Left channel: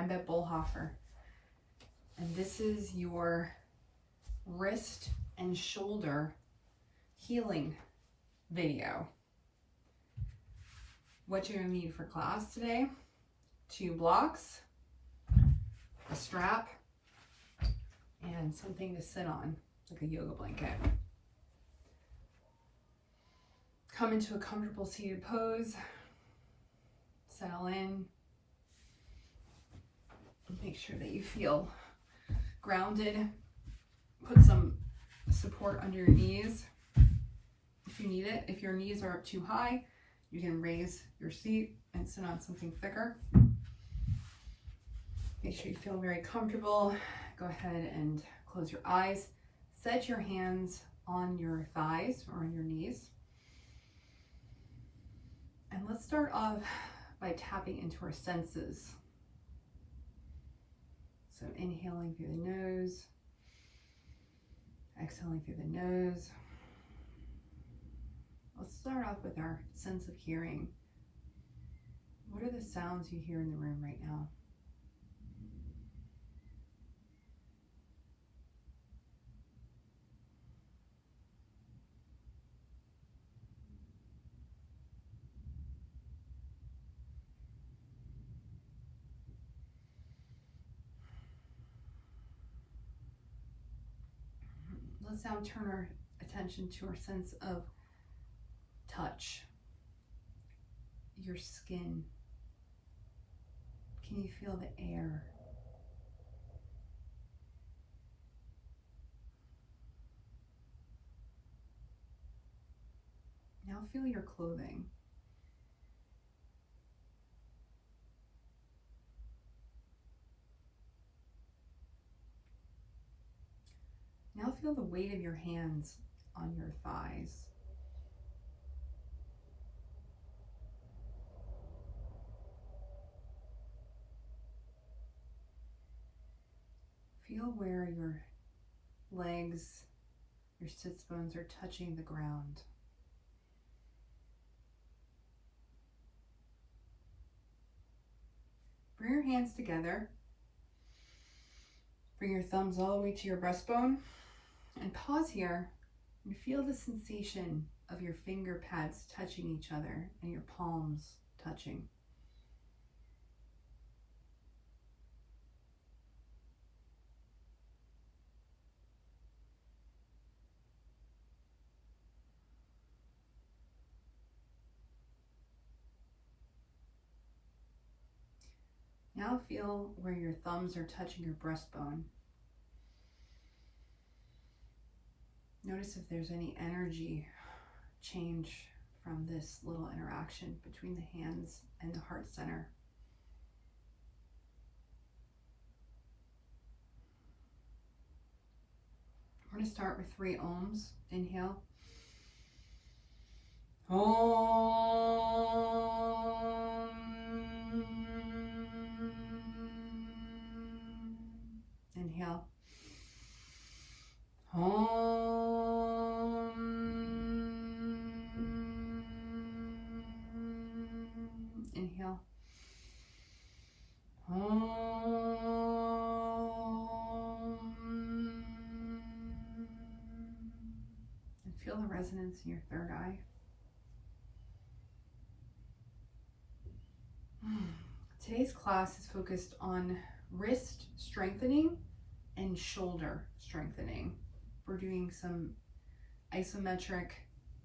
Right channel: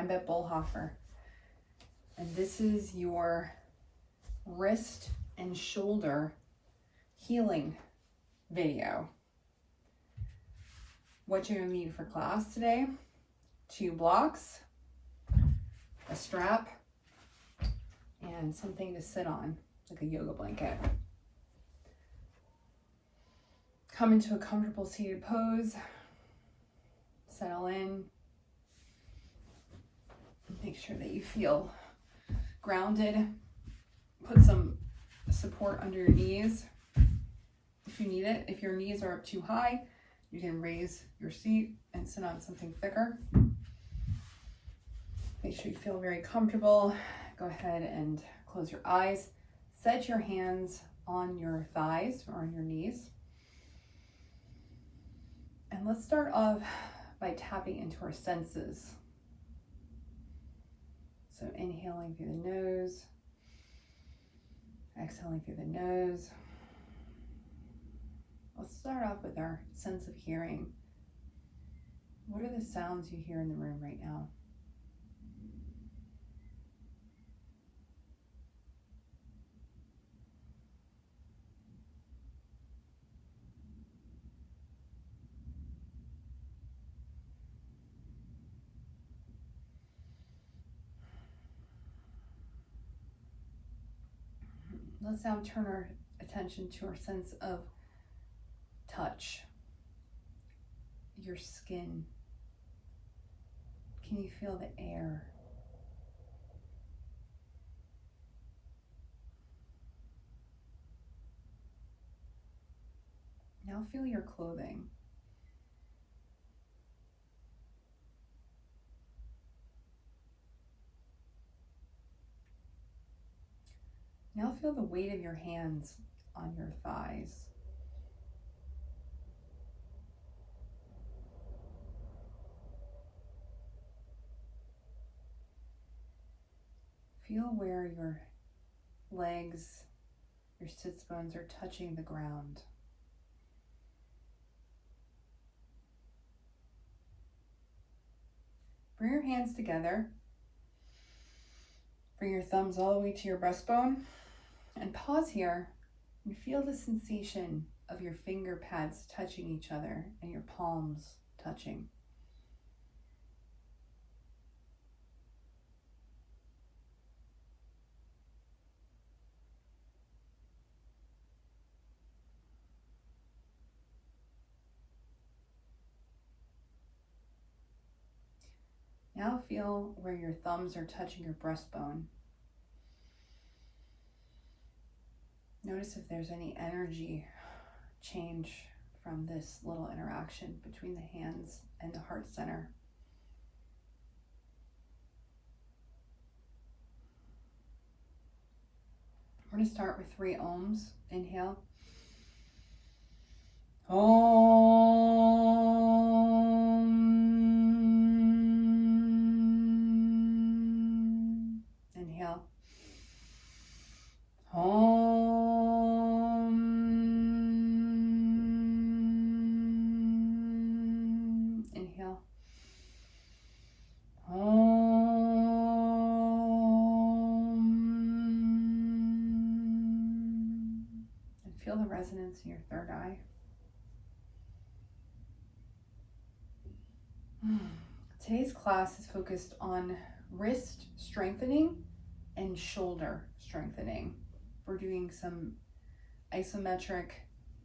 I'm Beth Bullhofer, and this is your wrist and shoulder healing video. What you're going to need for class today: 2 blocks, a strap, and something to sit on, like a yoga blanket. Come into a comfortable seated pose, settle in, make sure that you feel grounded. Put some support under your knees if you need it. If your knees are up too high, you can raise your seat and sit on something thicker. Make sure you feel very comfortable. Go ahead and close your eyes. Set your hands on your thighs or on your knees. And let's start off by tapping into our senses. So inhaling through the nose, exhaling through the nose. Let's start off with our sense of hearing. What are the sounds you hear in the room right now? Let's now turn our attention to our sense of touch. Your skin. Can you feel the air? Now feel your clothing. Now feel the weight of your hands on your thighs. Feel where your legs, your sits bones are touching the ground. Bring your hands together. Bring your thumbs all the way to your breastbone. And pause here and feel the sensation of your finger pads touching each other and your palms touching. Now feel where your thumbs are touching your breastbone. Notice if there's any energy change from this little interaction between the hands and the heart center. We're going to start with 3 ohms. Inhale. Om. Inhale. Om. Inhale. Om. And feel the resonance in your third eye. Today's class is focused on wrist strengthening and shoulder strengthening. We're doing some isometric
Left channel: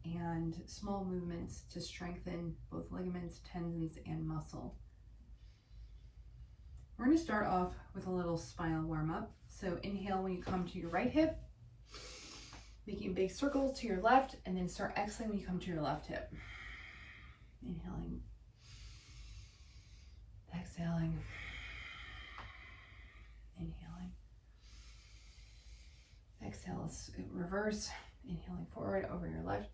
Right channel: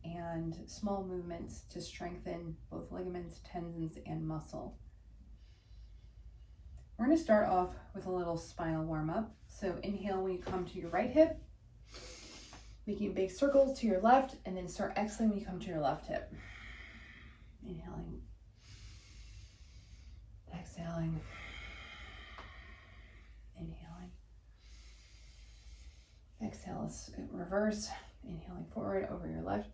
and small movements to strengthen both ligaments, tendons, and muscle. We're going to start off with a little spinal warm up. So inhale when you come to your right hip, making big circles to your left, and then start exhaling when you come to your left hip. Inhaling, exhaling, inhaling. Exhale is reverse, inhaling forward over your left.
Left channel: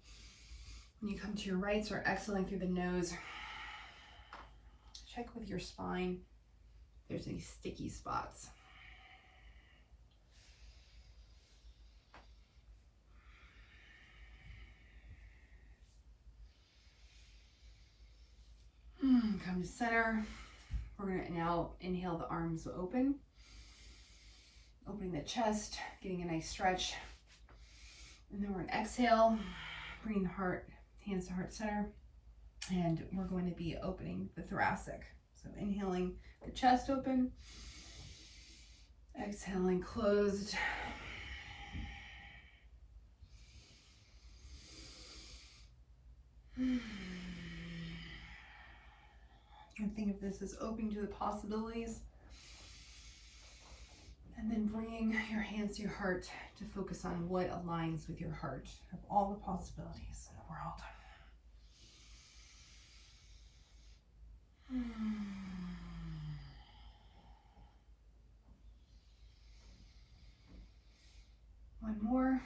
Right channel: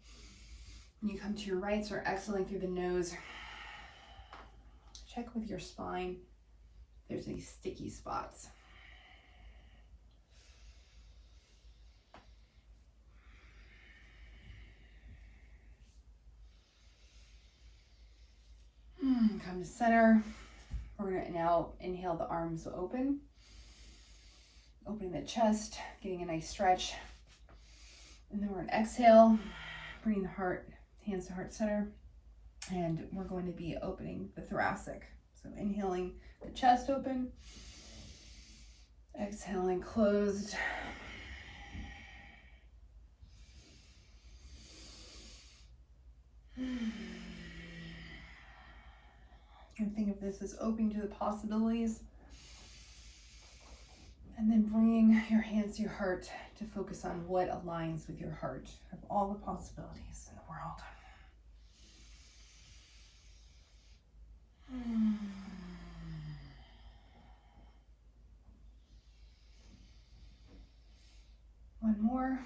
When you come to your right, start exhaling through the nose. Check with your spine if there's any sticky spots. Come to center. We're going to now inhale the arms open, opening the chest, getting a nice stretch. And then we're going to exhale, bringing the heart, hands to heart center. And we're going to be opening the thoracic. So inhaling the chest open, exhaling closed. And think of this as opening to the possibilities. And then bringing your hands to your heart to focus on what aligns with your heart of all the possibilities in the world. One more.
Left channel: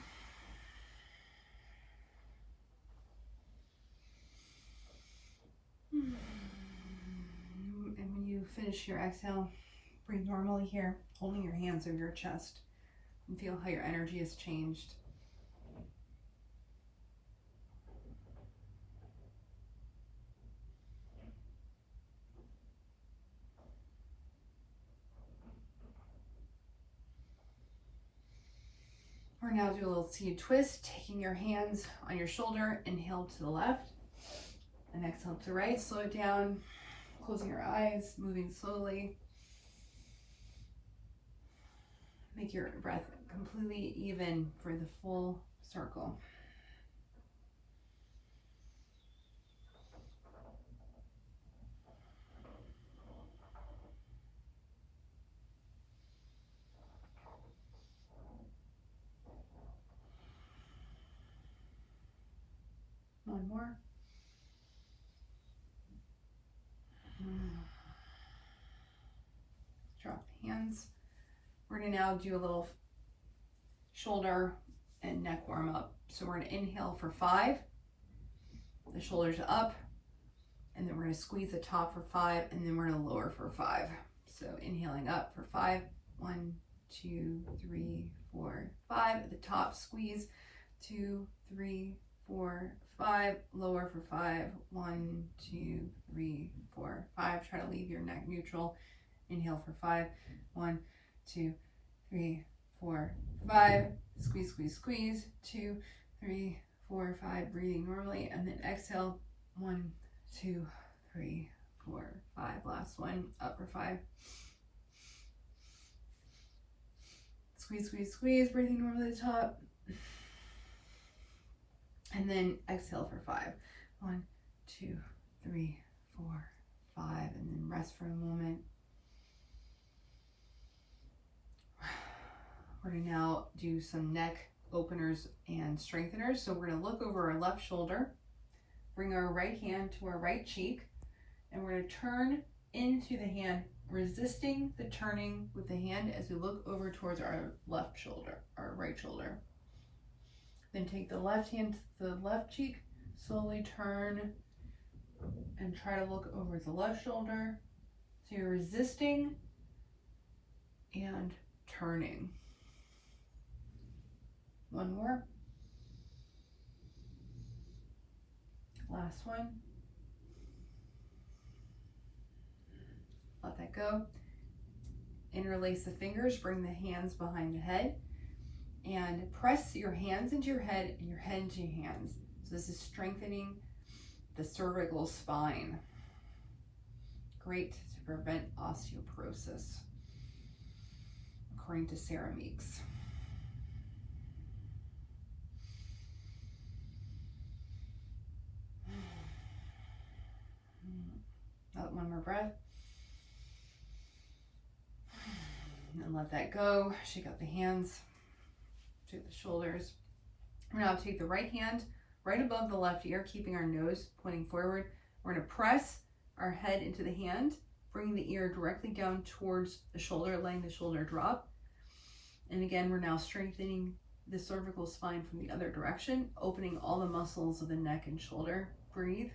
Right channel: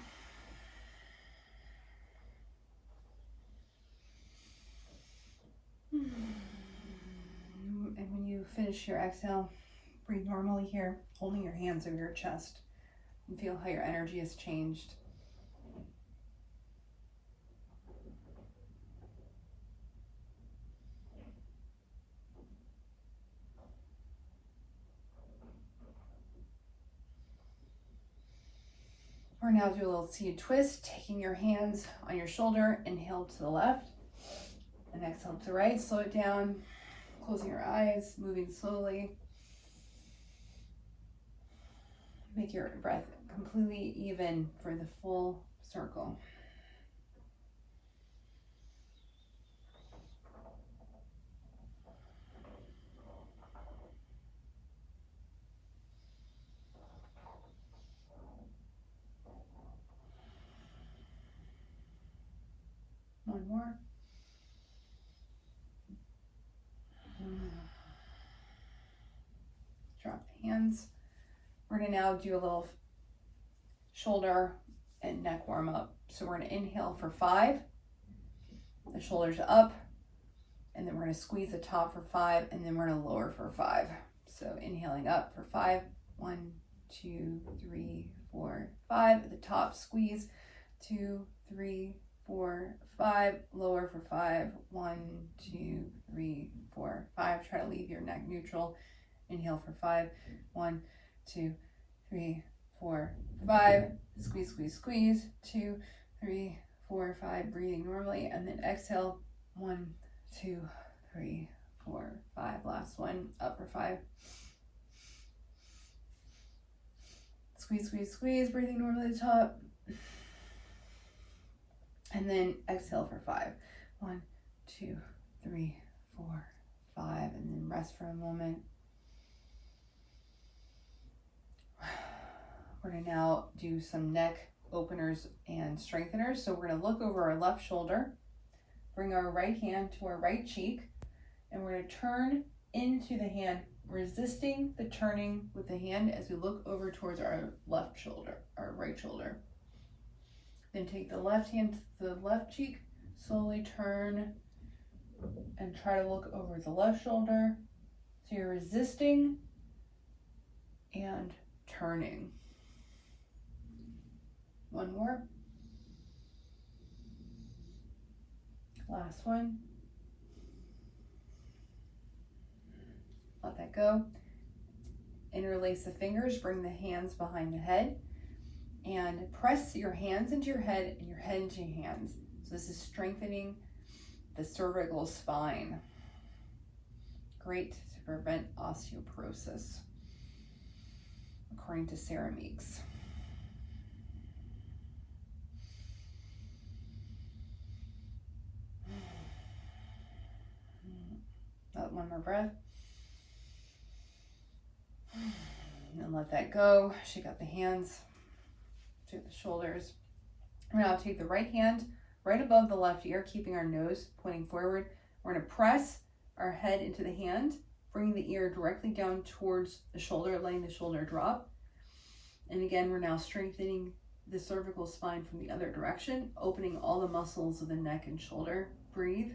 And when you finish your exhale, breathe normally here, holding your hands over your chest, and feel how your energy has changed. We're now do a little seated twist, taking your hands on your shoulder, inhale to the left, and exhale to the right. Slow it down, closing your eyes, moving slowly. Make your breath completely even for the full circle. One more. Drop the hands. We're going to now do a little shoulder and neck warm up. So we're going to inhale for 5. The shoulders up. And then we're going to squeeze the top for 5. And then we're going to lower for 5. So inhaling up for 5. 1, 2, 3, 4, 5. At the top, squeeze. 2, 3, 4, 5. Lower for 5. 1, 2, 3, 4, 5. Try to leave your neck neutral. Inhale for 5. 1, 2, 3, 4, 5. Squeeze, squeeze, squeeze. 2, 3, 4, 5. Breathing normally. And then exhale. 1, 2, 3, 4, 5. Last one. Up for 5. Squeeze, squeeze, squeeze. Breathing normally at the top. And then exhale for 5. 1, 2, 3, 4, 5. And then rest for a moment. We're going to now do some neck openers and strengtheners. So we're going to look over our left shoulder, bring our right hand to our right cheek, and we're going to turn into the hand, resisting the turning with the hand as we look over towards our left shoulder, our right shoulder. Then take the left hand to the left cheek, slowly turn and try to look over the left shoulder. So you're resisting and turning. One more. Last one. Let that go. Interlace the fingers, bring the hands behind the head, and press your hands into your head and your head into your hands. So this is strengthening the cervical spine. Great to prevent osteoporosis, according to Sarah Meeks. One more breath. And let that go. Shake out the hands to the shoulders. We're now take the right hand right above the left ear, keeping our nose pointing forward. We're going to press our head into the hand, bringing the ear directly down towards the shoulder, letting the shoulder drop. And again, we're now strengthening the cervical spine from the other direction, opening all the muscles of the neck and shoulder. Breathe.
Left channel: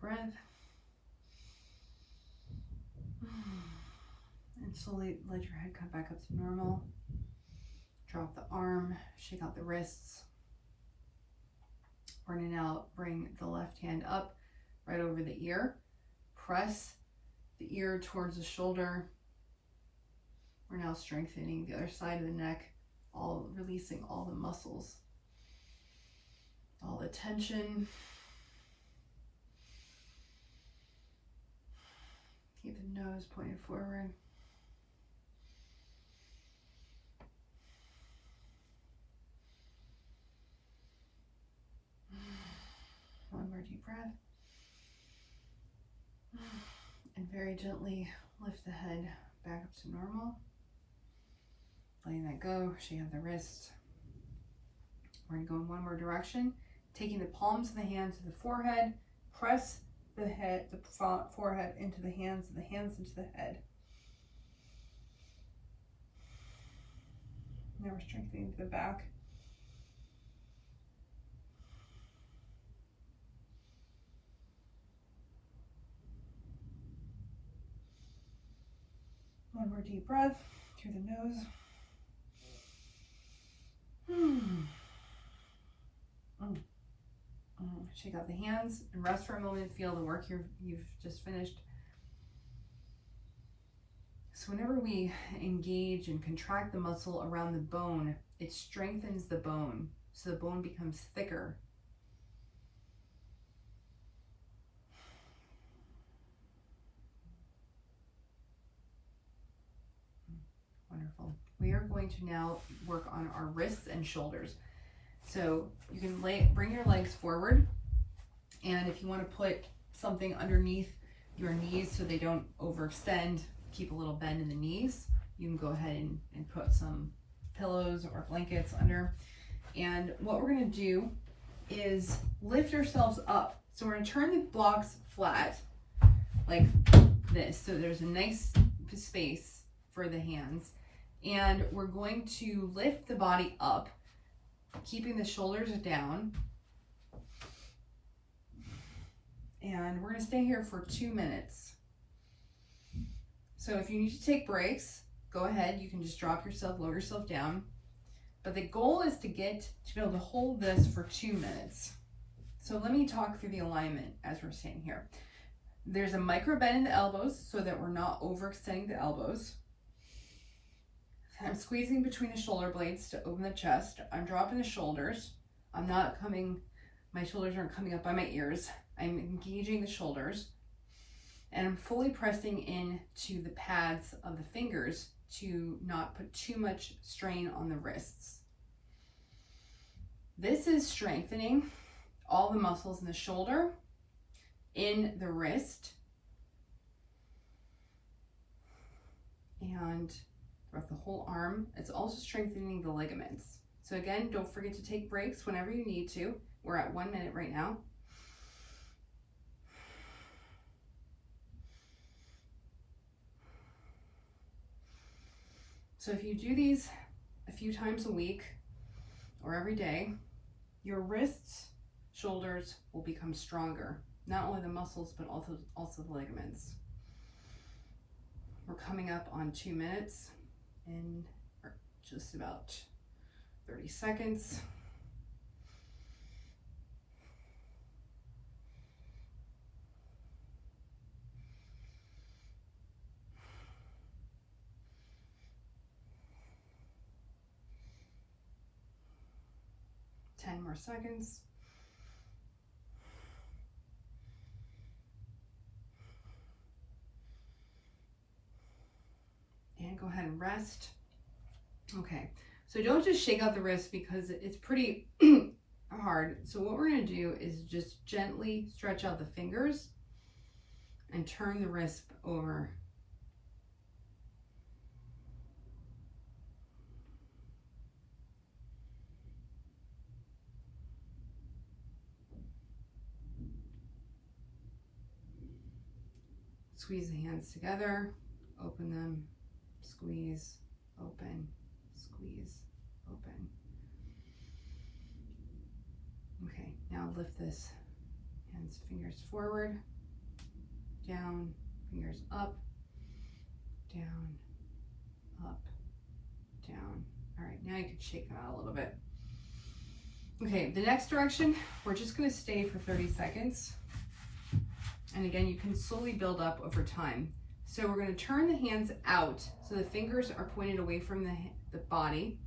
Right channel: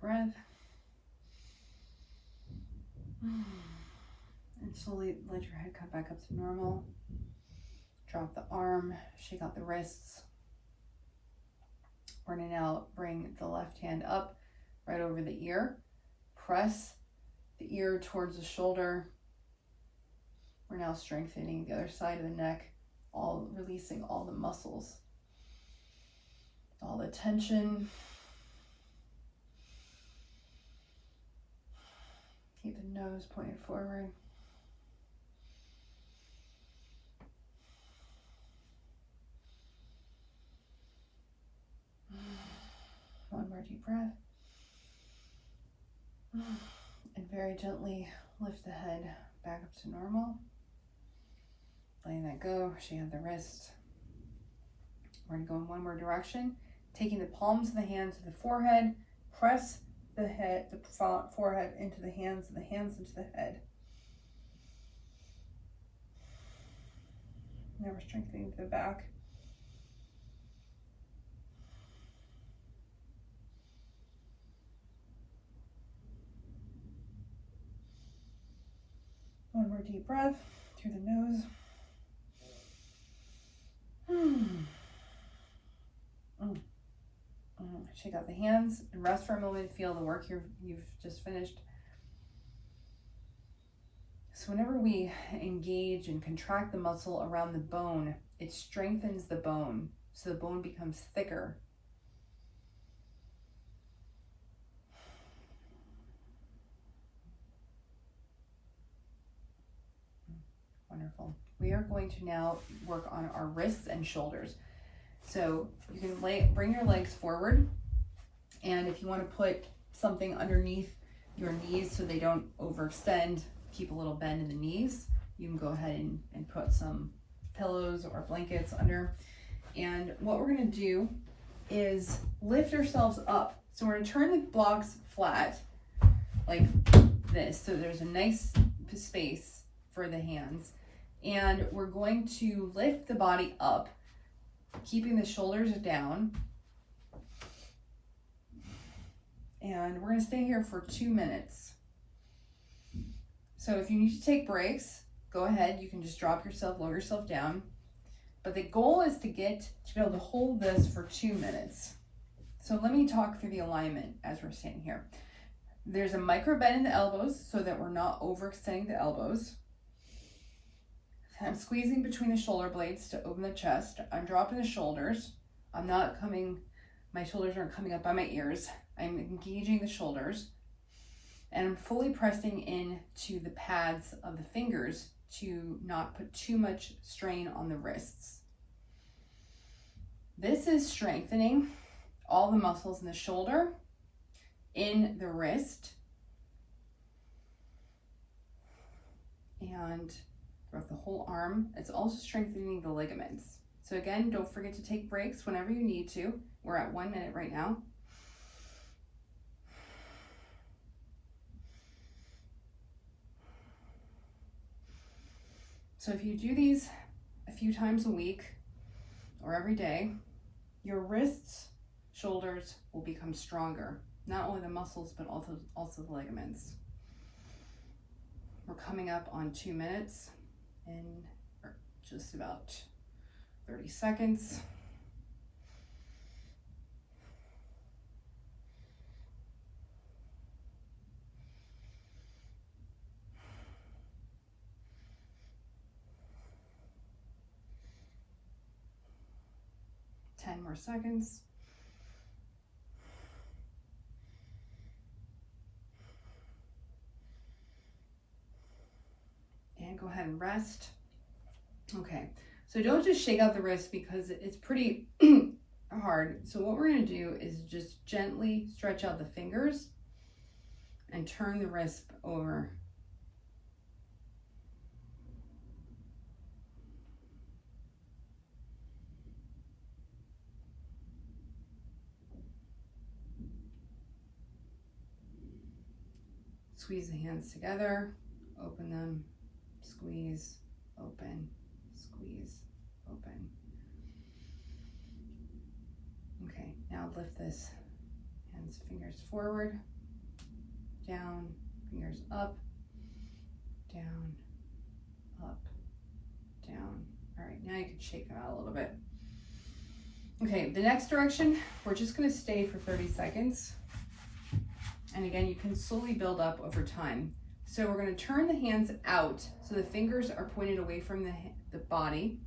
Breath. And And slowly let your head come back up to normal. Drop the arm, shake out the wrists. We're going to now bring the left hand up right over the ear. Press the ear towards the shoulder. We're now strengthening the other side of the neck, all releasing all the muscles, all the tension. Keep the nose pointed forward. One more deep breath. And very gently lift the head back up to normal. Letting that go, shake out the wrist. We're going to go in one more direction. Taking the palms of the hands to the forehead, press the head, the forehead into the hands, and the hands into the head. Now we're strengthening the back. One more deep breath through the nose. Shake out the hands and rest for a moment. Feel the work you've just finished. So whenever we engage and contract the muscle around the bone, it strengthens the bone, so the bone becomes thicker. Wonderful. We are going to now work on our wrists and shoulders. So you can bring your legs forward, and if you want to put something underneath your knees so they don't overextend, keep a little bend in the knees, you can go ahead and put some pillows or blankets under. And what we're going to do is lift ourselves up. So we're going to turn the blocks flat like this, so there's a nice space for the hands. And we're going to lift the body up, keeping the shoulders down. And we're going to stay here for 2 minutes. So if you need to take breaks, go ahead. You can just drop yourself, lower yourself down. But the goal is to be able to hold this for 2 minutes. So let me talk through the alignment as we're standing here. There's a micro bend in the elbows so that we're not overextending the elbows. I'm squeezing between the shoulder blades to open the chest. I'm dropping the shoulders. My shoulders aren't coming up by my ears. I'm engaging the shoulders. And I'm fully pressing into the pads of the fingers to not put too much strain on the wrists. This is strengthening all the muscles in the shoulder, in the wrist, and throughout the whole arm. It's also strengthening the ligaments. So again, don't forget to take breaks whenever you need to. We're at 1 minute right now. So if you do these a few times a week or every day, your wrists, shoulders will become stronger. Not only the muscles, but also the ligaments. We're coming up on 2 minutes in just about 30 seconds. More seconds. And go ahead and rest. Okay, so don't just shake out the wrist because it's pretty hard. So what we're going to do is just gently stretch out the fingers and turn the wrist over. Squeeze the hands together, open them, squeeze, open, squeeze, open. Okay, now lift this, hands, fingers forward, down, fingers up, down, I could shake them out a little bit. Okay, the next direction, we're just gonna stay for 30 seconds. And again, you can slowly build up over time. So we're gonna turn the hands out so the fingers are pointed away from the body.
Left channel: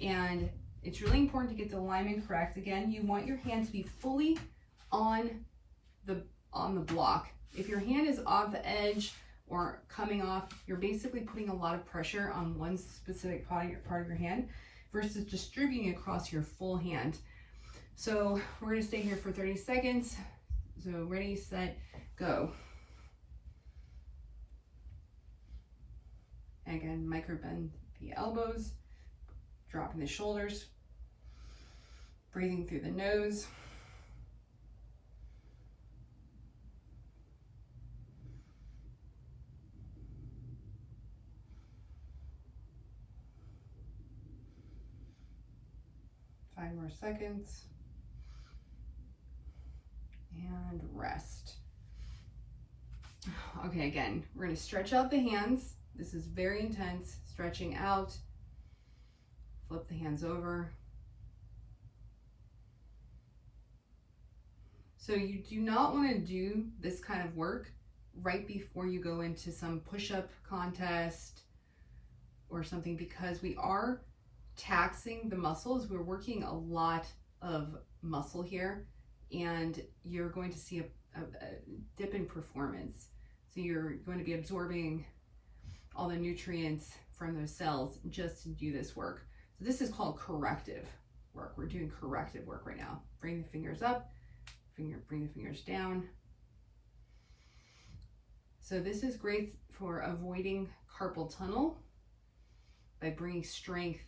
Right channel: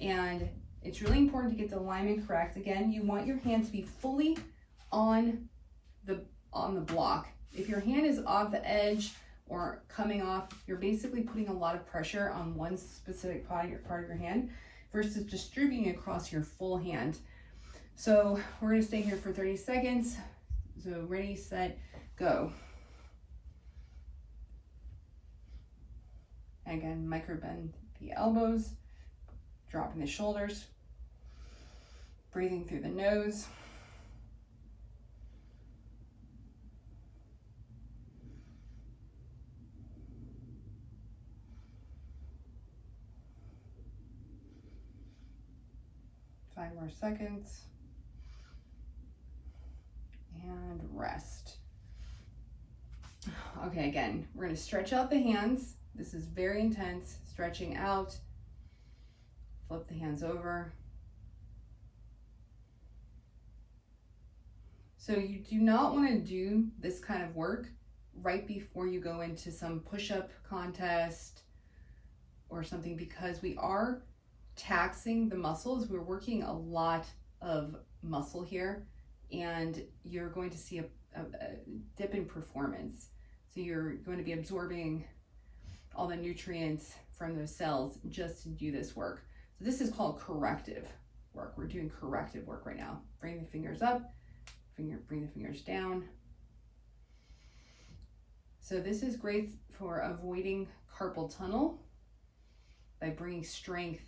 And it's really important to get the alignment correct. Again, you want your hand to be fully on the block. If your hand is off the edge or coming off, you're basically putting a lot of pressure on one specific part of your hand versus distributing across your full hand. So we're gonna stay here for 30 seconds. So ready, set, go. Again, micro bend the elbows, dropping the shoulders, breathing through the nose. Five more seconds. And rest. Okay, again, we're going to stretch out the hands. This is very intense, stretching out. Flip the hands over. So you do not want to do this kind of work right before you go into some push-up contest or something, because we are taxing the muscles. We're working a lot of muscle here, and you're going to see a dip in performance. So you're going to be absorbing all the nutrients from those cells just to do this work. So this is called corrective work. We're doing corrective work right now. Bring the fingers up, bring the fingers down. So this is great for avoiding carpal tunnel by bringing strength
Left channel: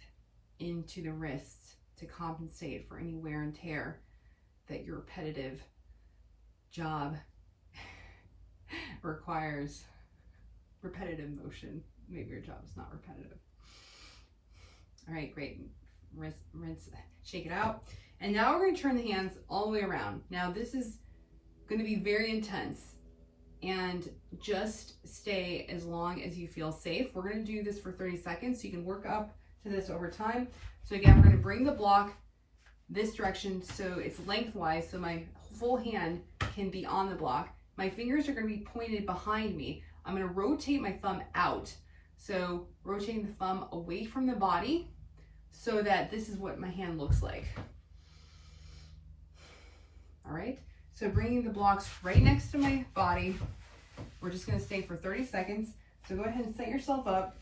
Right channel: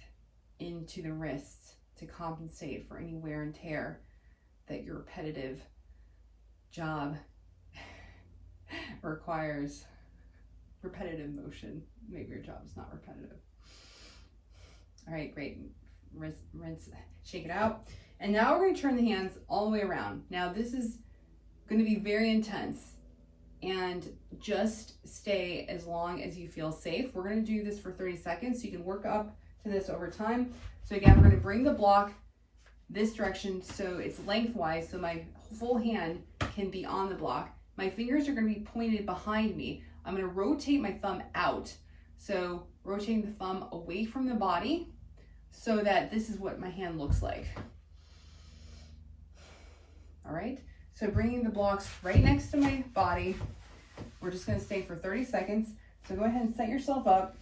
into the wrists to compensate for any wear and tear that your repetitive job requires. Repetitive motion. Maybe your job is not repetitive. All right, great. Rinse, shake it out. And now we're going to turn the hands all the way around. Now this is going to be very intense, and just stay as long as you feel safe. We're going to do this for 30 seconds so you can work up to this over time. So again, we're going to bring the block this direction so it's lengthwise, so my full hand can be on the block. My fingers are going to be pointed behind me. I'm going to rotate my thumb out. So rotating the thumb away from the body so that this is what my hand looks like. All right, so bringing the blocks right next to my body. We're just going to stay for 30 seconds. So go ahead and set yourself up.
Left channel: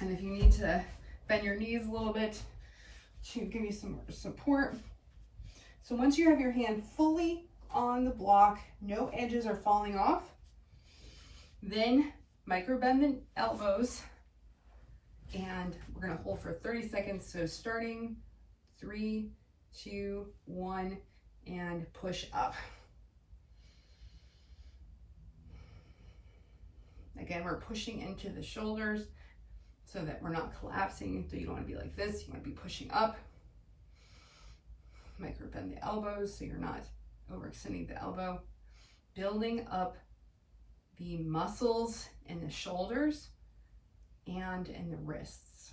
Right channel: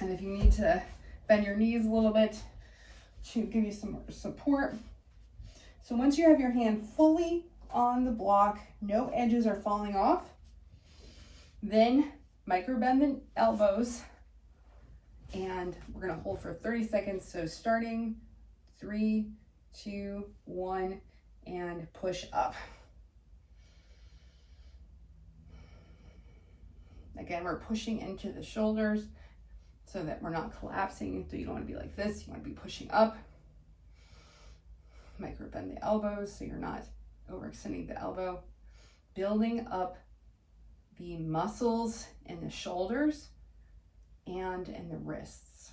And if you need to bend your knees a little bit to give you some more support. So once you have your hand fully on the block, no edges are falling off, then micro bend the elbows, and we're going to hold for 30 seconds. So starting 3, 2, 1, and push up. Again, we're pushing into the shoulders so that we're not collapsing. So you don't want to be like this. You want to be pushing up. Micro bend the elbows so you're not overextending the elbow. Building up the muscles in the shoulders and in the wrists.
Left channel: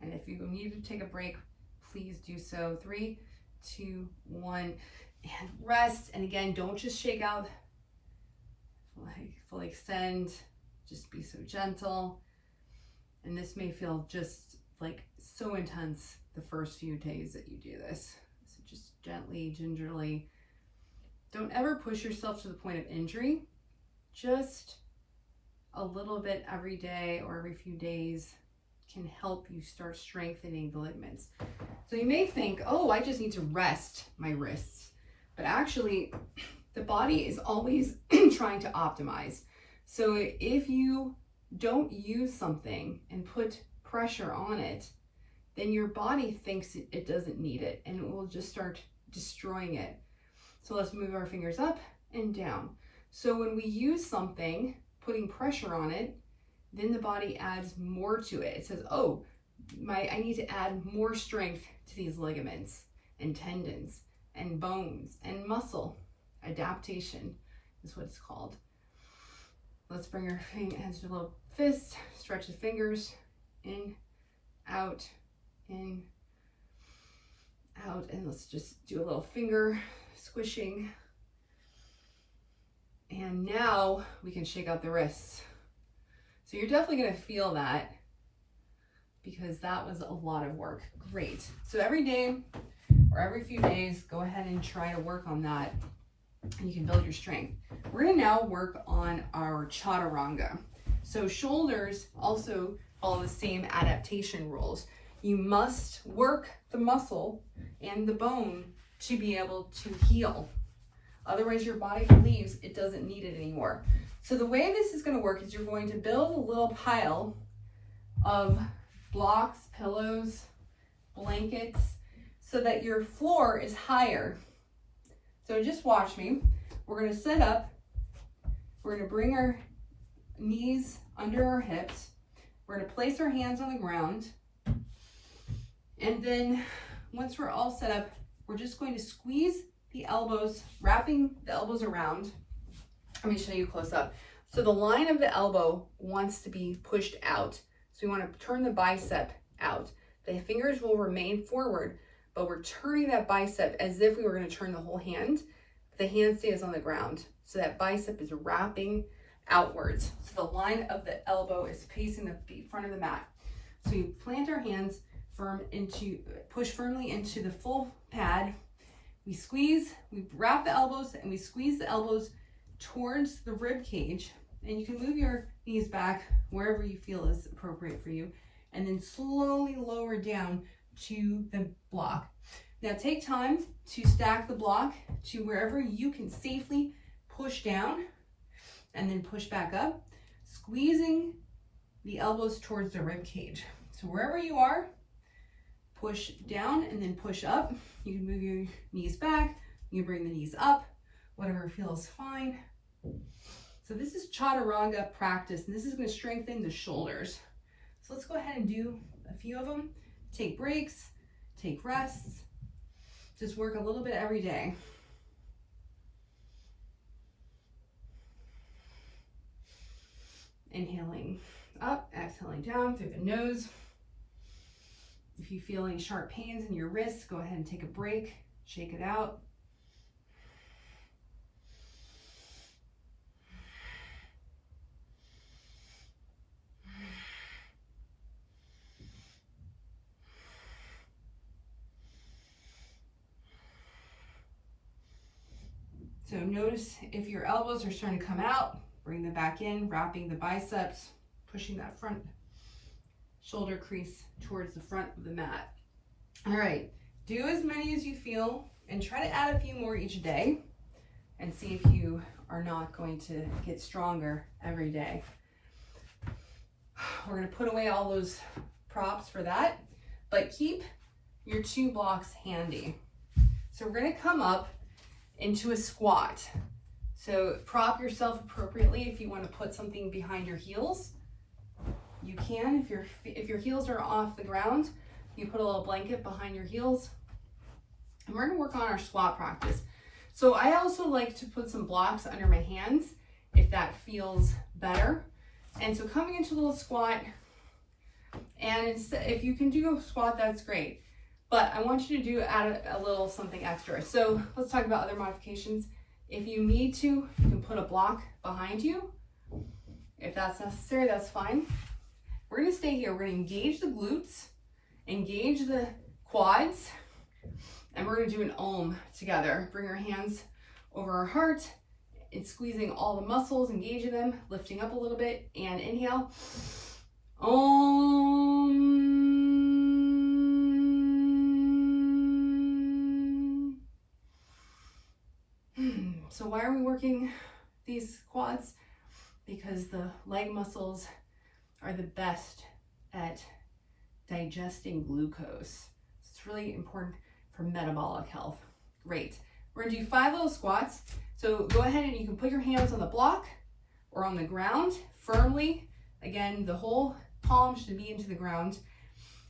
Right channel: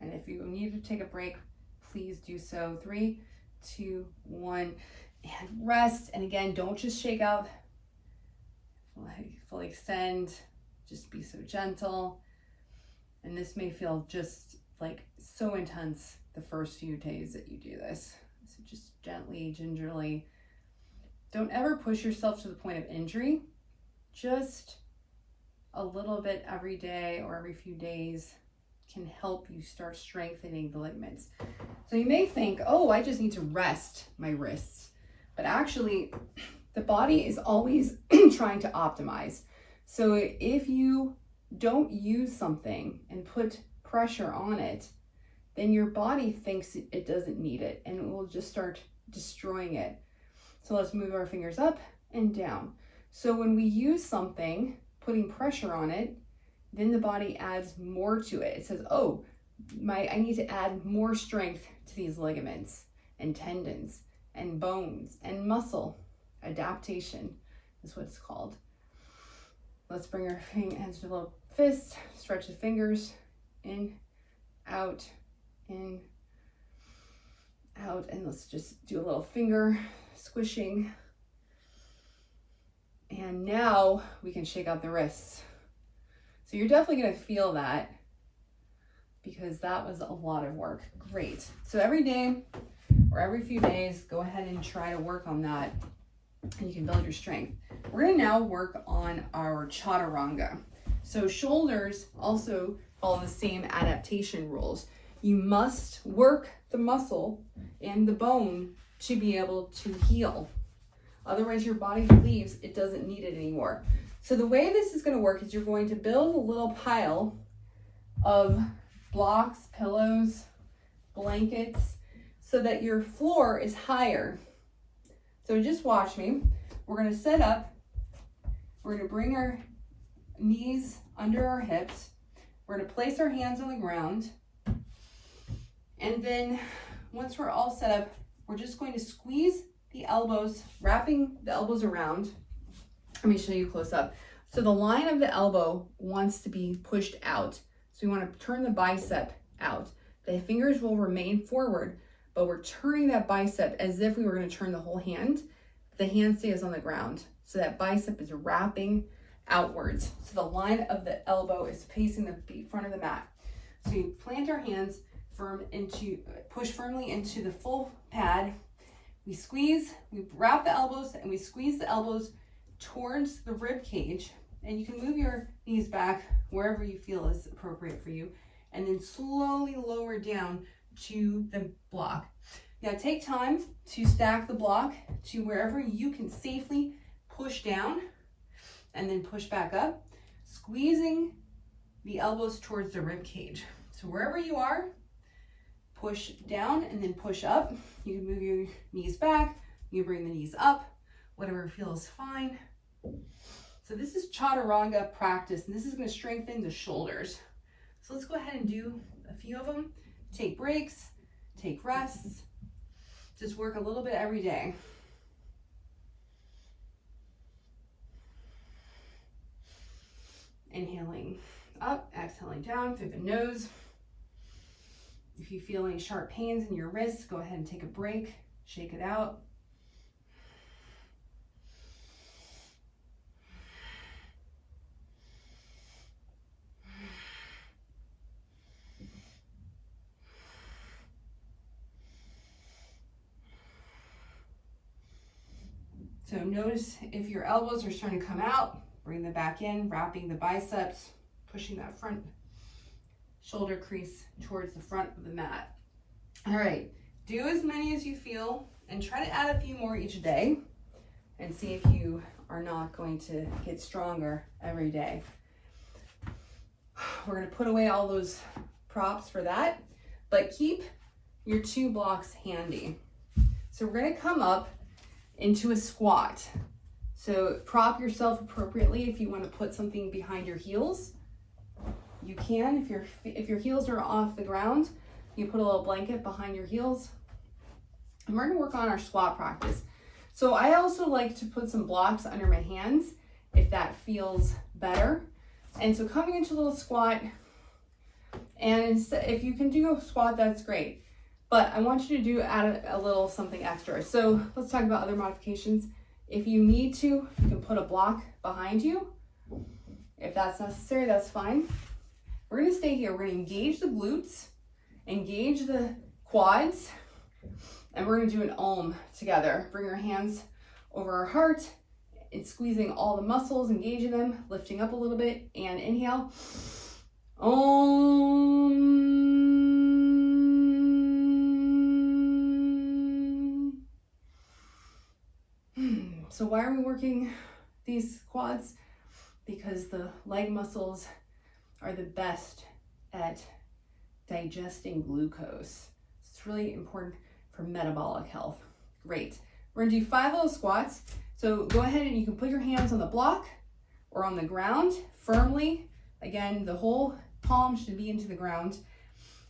And if you need to take a break, please do so. 3, 2, 1, and rest. And again, don't just shake out, fully extend, just be so gentle. And this may feel just like so intense the first few days that you do this. So just gently, gingerly. Don't ever push yourself to the point of injury. Just a little bit every day or every few days can help you start strengthening the ligaments. So you may think, oh, I just need to rest my wrists. But actually, the body is always trying to optimize. So if you don't use something and put pressure on it, then your body thinks it doesn't need it, and it will just start destroying it. So let's move our fingers up and down. So when we use something, putting pressure on it, then the body adds more to it. It says, oh, I need to add more strength to these ligaments and tendons and bones and muscle. Adaptation is what it's called. Let's bring our hands to a little fist, stretch the fingers, in, out, in, out. And let's just do a little finger squishing. And now we can shake out the wrists. So you're definitely going to feel that because that was a lot of work. Great. So every day or every few days, go ahead and try to work on that and you can build your strength. We're going to now work on our Chaturanga. So shoulders also follow the same adaptation rules. You must work the muscle and the bone to be able to heal. Otherwise, your body believes it doesn't need it anymore. So the way this is going to work is you're going to build a little pile of blocks, pillows, blankets, so that your floor is higher. So just watch me. We're going to sit up. We're going to bring our knees under our hips. We're going to place our hands on the ground. And then once we're all set up, we're just going to squeeze the elbows, wrapping the elbows around. Let me show you close up. So the line of the elbow wants to be pushed out. So we want to turn the bicep out. The fingers will remain forward, but we're turning that bicep as if we were going to turn the whole hand. The hand stays on the ground. So that bicep is wrapping outwards. So the line of the elbow is facing the front of the mat. So we plant our hands push firmly into the full pad. We squeeze, we wrap the elbows and we squeeze the elbows towards the rib cage. And you can move your knees back wherever you feel is appropriate for you. And then slowly lower down to the block. Now take time to stack the block to wherever you can safely push down and then push back up, squeezing the elbows towards the rib cage. So wherever you are, push down and then push up. You can move your knees back, you can bring the knees up, whatever feels fine. So this is Chaturanga practice, and this is going to strengthen the shoulders. So let's go ahead and do a few of them. Take breaks, take rests, just work a little bit every day. Inhaling up, exhaling down through the nose. If you feel any sharp pains in your wrists, go ahead and take a break, shake it out. So notice if your elbows are starting to come out, bring them back in, wrapping the biceps, pushing that front shoulder crease towards the front of the mat. All right, do as many as you feel and try to add a few more each day and see if you are not going to get stronger every day. We're going to put away all those props for that, but keep your 2 blocks handy. So we're going to come up into a squat. So prop yourself appropriately. If you want to put something behind your heels, you can. If your heels are off the ground, you put a little blanket behind your heels. And we're going to work on our squat practice. So I also like to put some blocks under my hands if that feels better. And so coming into a little squat, and if you can do a squat, that's great. But I want you to add a little something extra. So let's talk about other modifications. If you need to, you can put a block behind you. If that's necessary, that's fine. We're going to stay here. We're going to engage the glutes, engage the quads, and we're going to do an Om together. Bring our hands over our heart. It's squeezing all the muscles, engaging them, lifting up a little bit, and inhale. Om. So why are we working these quads? Because the leg muscles are the best at digesting glucose. It's really important for metabolic health. Great. We're gonna do 5 little squats. So go ahead and you can put your hands on the block or on the ground firmly. Again, the whole palm should be into the ground.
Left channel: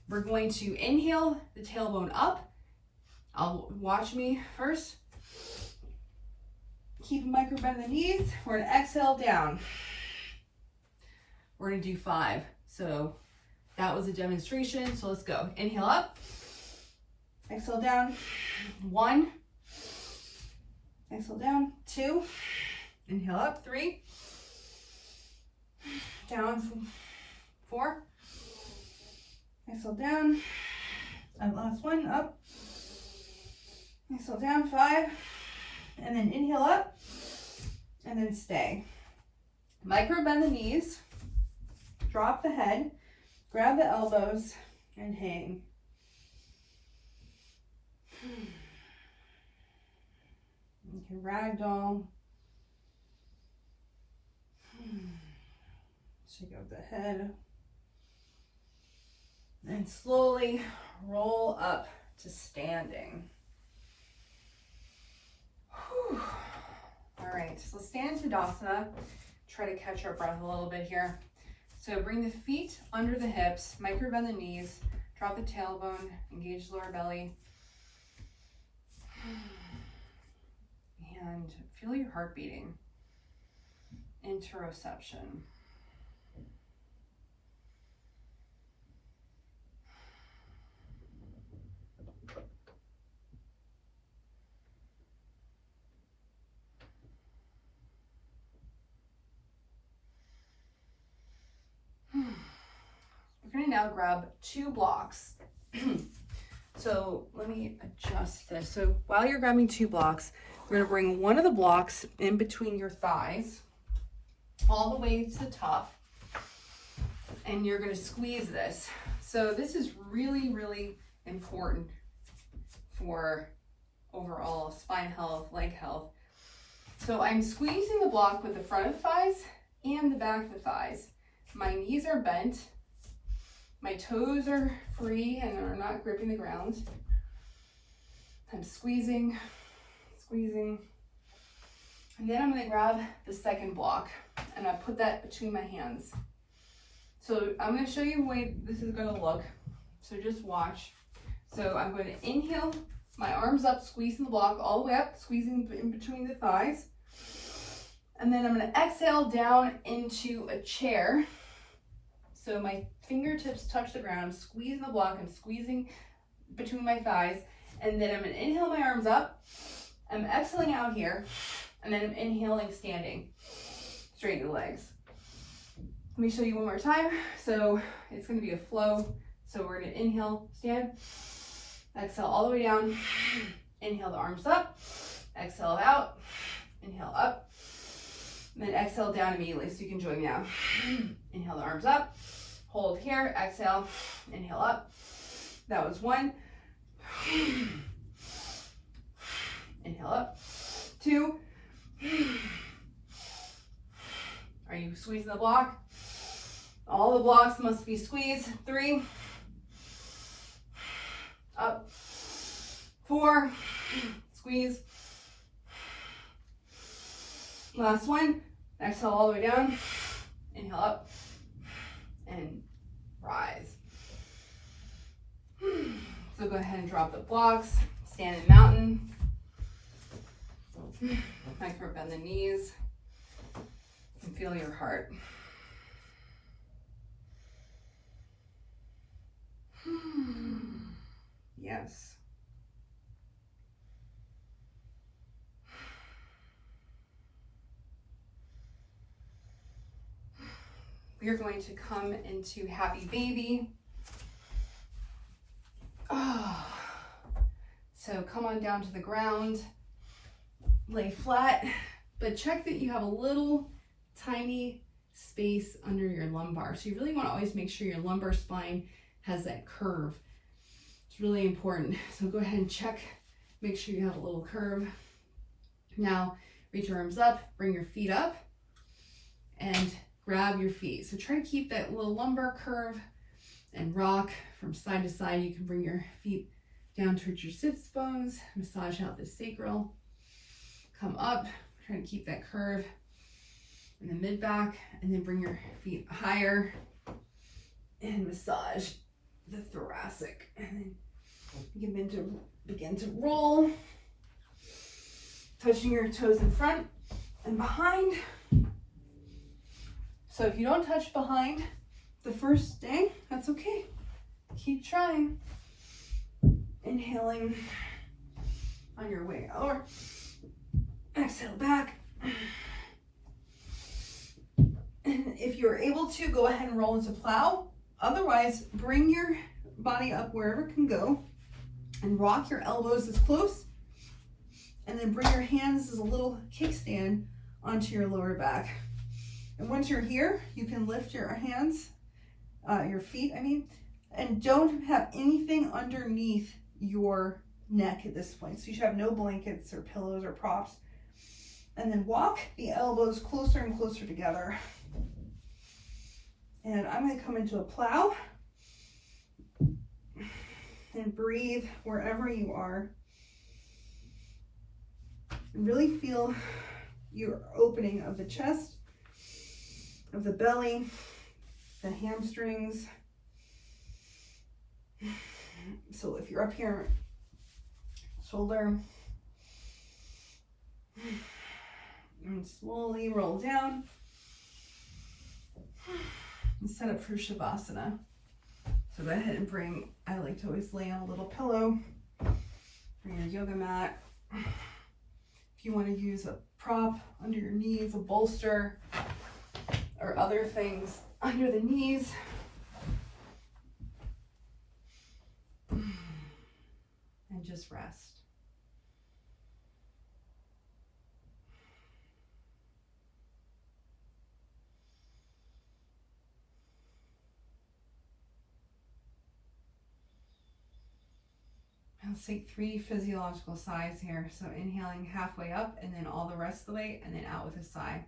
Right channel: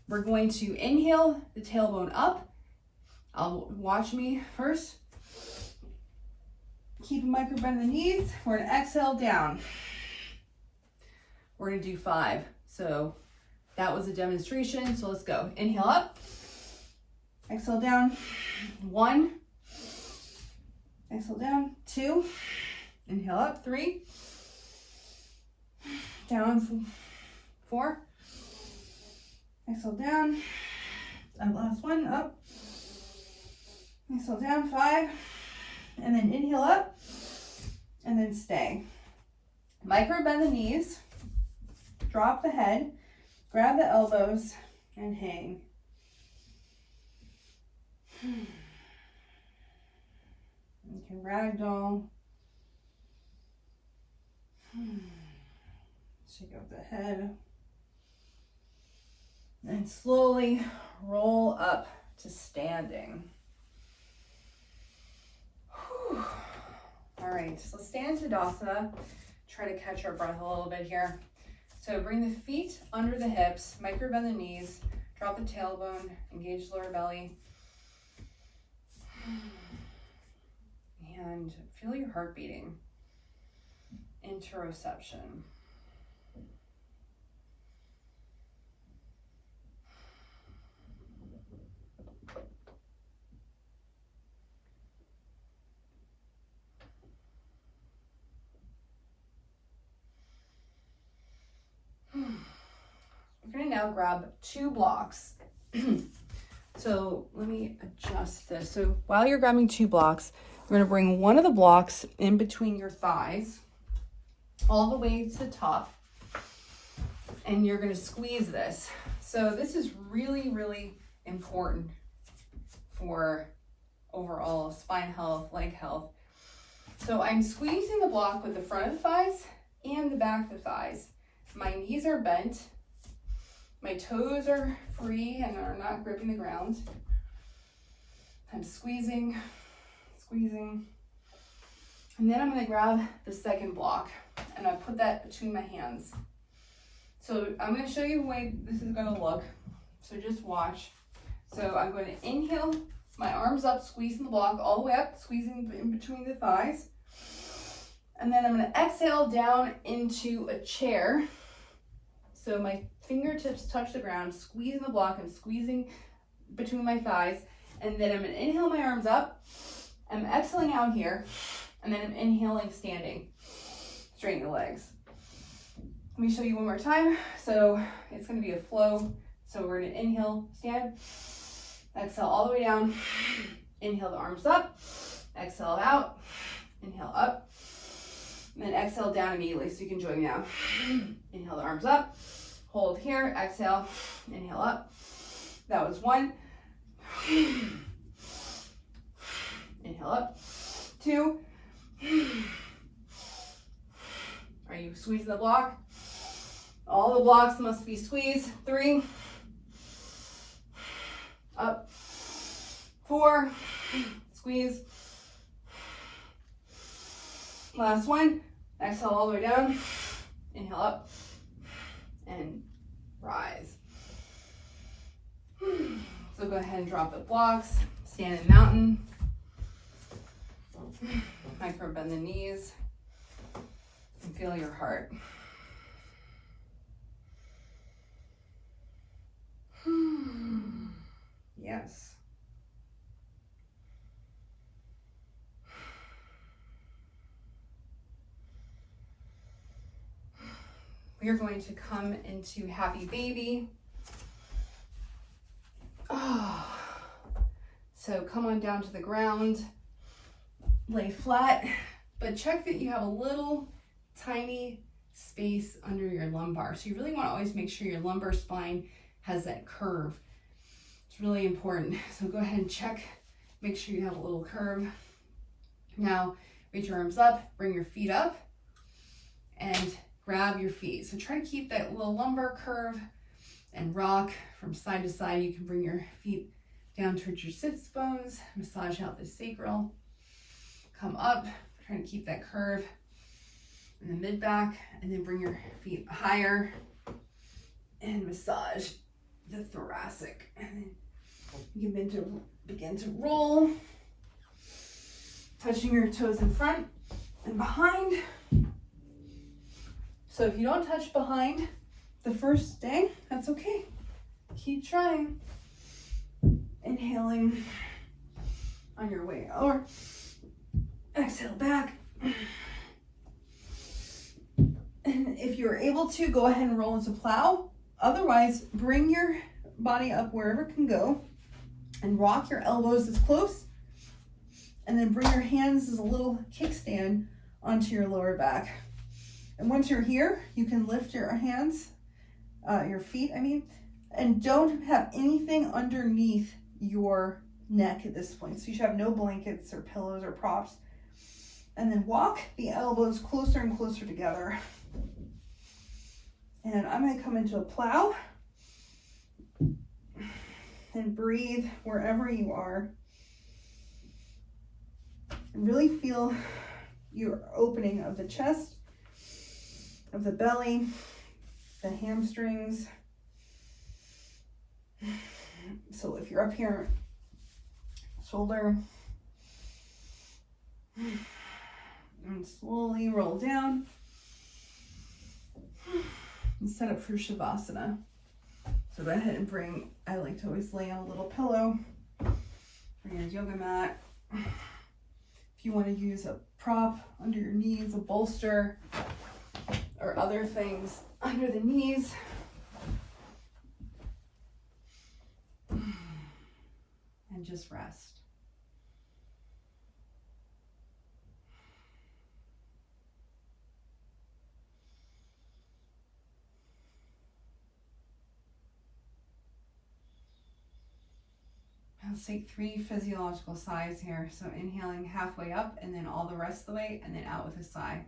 We're going to inhale the tailbone up. Watch me first. Keep a micro bend in the knees. We're gonna exhale down. We're gonna do 5. So That was a demonstration, so let's go. Inhale up, exhale down, 1, exhale down, 2, inhale up, 3, down, 4, exhale down, and last one, up, exhale down, 5, and then inhale up, and then stay. Micro bend the knees, drop the head, grab the elbows, and hang. You can ragdoll. Shake out the head. And slowly roll up to standing. Whew. All right, so let's stand to Tadasana. Try to catch our breath a little bit here. So bring the feet under the hips, micro bend the knees, drop the tailbone, engage lower belly. And feel your heart beating. Interoception. We're going to now grab 2 blocks. So let me adjust this. So while you're grabbing 2 blocks, we're going to bring one of the blocks in between your thighs, all the way to the top, and you're going to squeeze this. So this is really, really important for overall spine health, leg health. So I'm squeezing the block with the front of the thighs and the back of the thighs. My knees are bent. My toes are free and are not gripping the ground. I'm squeezing. And then I'm going to grab the second block and I put that between my hands. So I'm going to show you the way this is going to look. So just watch. So I'm going to inhale, my arms up, squeezing the block all the way up, squeezing in between the thighs. And then I'm going to exhale down into a chair. So my fingertips touch the ground, squeezing the block, I'm squeezing between my thighs. And then I'm going to inhale my arms up. I'm exhaling out here. And then I'm inhaling standing. Straighten the legs. Let me show you one more time. So it's going to be a flow. So we're going to inhale, stand. Exhale all the way down. Inhale the arms up. Exhale out. Inhale up. And then exhale down immediately so you can join me now. Inhale the arms up. Hold here. Exhale. Inhale up. That was 1. Inhale up. 2. Are you squeezing the block? All the blocks must be squeezed. 3. Up. 4. Squeeze. Last one. Exhale all the way down. Inhale up. And rise. So go ahead and drop the blocks. Stand in mountain. Micro bend the knees. And feel your heart. Yes. We are going to come into happy baby. Oh. So come on down to the ground, lay flat, but check that you have a little tiny space under your lumbar. So you really want to always make sure your lumbar spine has that curve. It's really important. So go ahead and check, make sure you have a little curve. Now reach your arms up, bring your feet up, and grab your feet. So try to keep that little lumbar curve and rock from side to side. You can bring your feet down towards your sits bones, massage out the sacral, come up, try to keep that curve in the mid back, and then bring your feet higher and massage the thoracic. And then you can begin to roll, touching your toes in front and behind. So if you don't touch behind, the first day, that's okay. Keep trying. Inhaling on your way over. Exhale back. And if you're able to, go ahead and roll into plow. Otherwise, bring your body up wherever it can go and rock your elbows as close. And then bring your hands as a little kickstand onto your lower back. And once you're here, you can lift your hands, your feet, and don't have anything underneath your neck at this point. So you should have no blankets or pillows or props. And then walk the elbows closer and closer together. And I'm going to come into a plow and breathe wherever you are. And really feel your opening of the chest, of the belly, the hamstrings. So if you're up here, shoulder, and slowly roll down and set up for Savasana. So go ahead and I like to always lay on a little pillow, bring your yoga mat. If you want to use a prop under your knees, a bolster, or other things under the knees. And just rest. Let's take 3 physiological sighs here. So inhaling halfway up and then all the rest of the way, and then out with a sigh.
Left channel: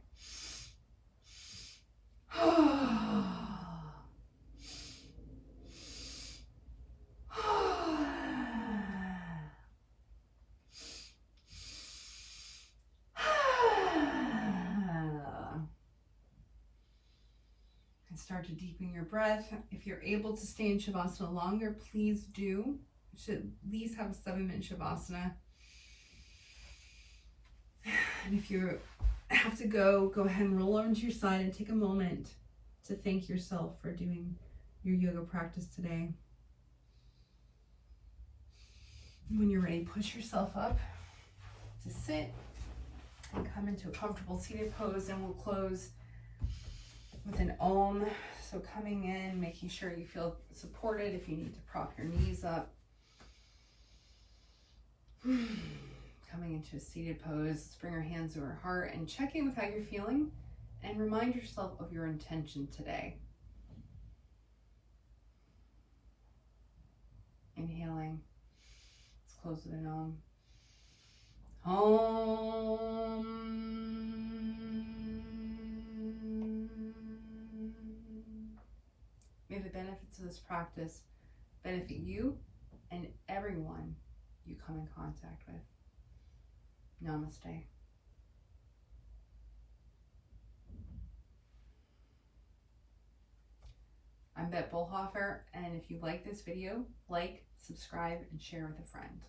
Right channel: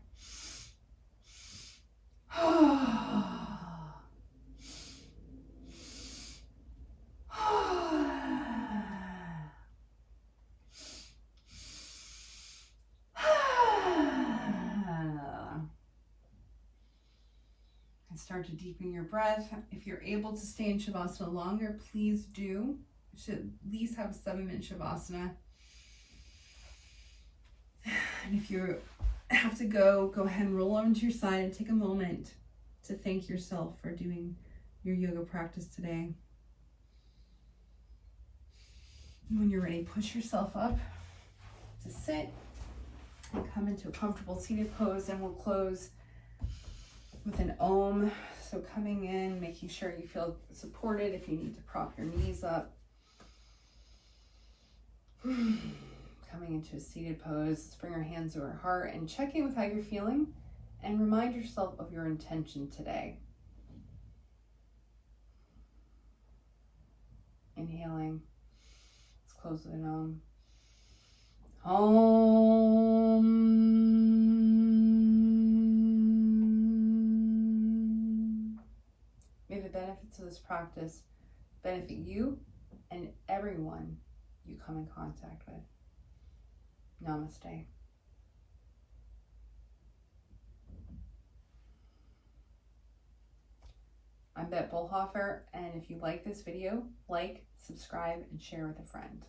And start to deepen your breath. If you're able to stay in Shavasana longer, please do. You should at least have a 7-minute Shavasana. And if you have to go ahead and roll over to your side and take a moment to thank yourself for doing your yoga practice today. When you're ready, push yourself up to sit and come into a comfortable seated pose, and we'll close with an Om. So coming in, making sure you feel supported. If you need to prop your knees up. Coming into a seated pose, let's bring our hands to our heart and check in with how you're feeling and remind yourself of your intention today. Inhaling. Let's close with an Om. Om. May the benefits of this practice benefit you and everyone you come in contact with. Namaste. I'm Bette Bullhofer, and if you like this video, like, subscribe, and share with a friend.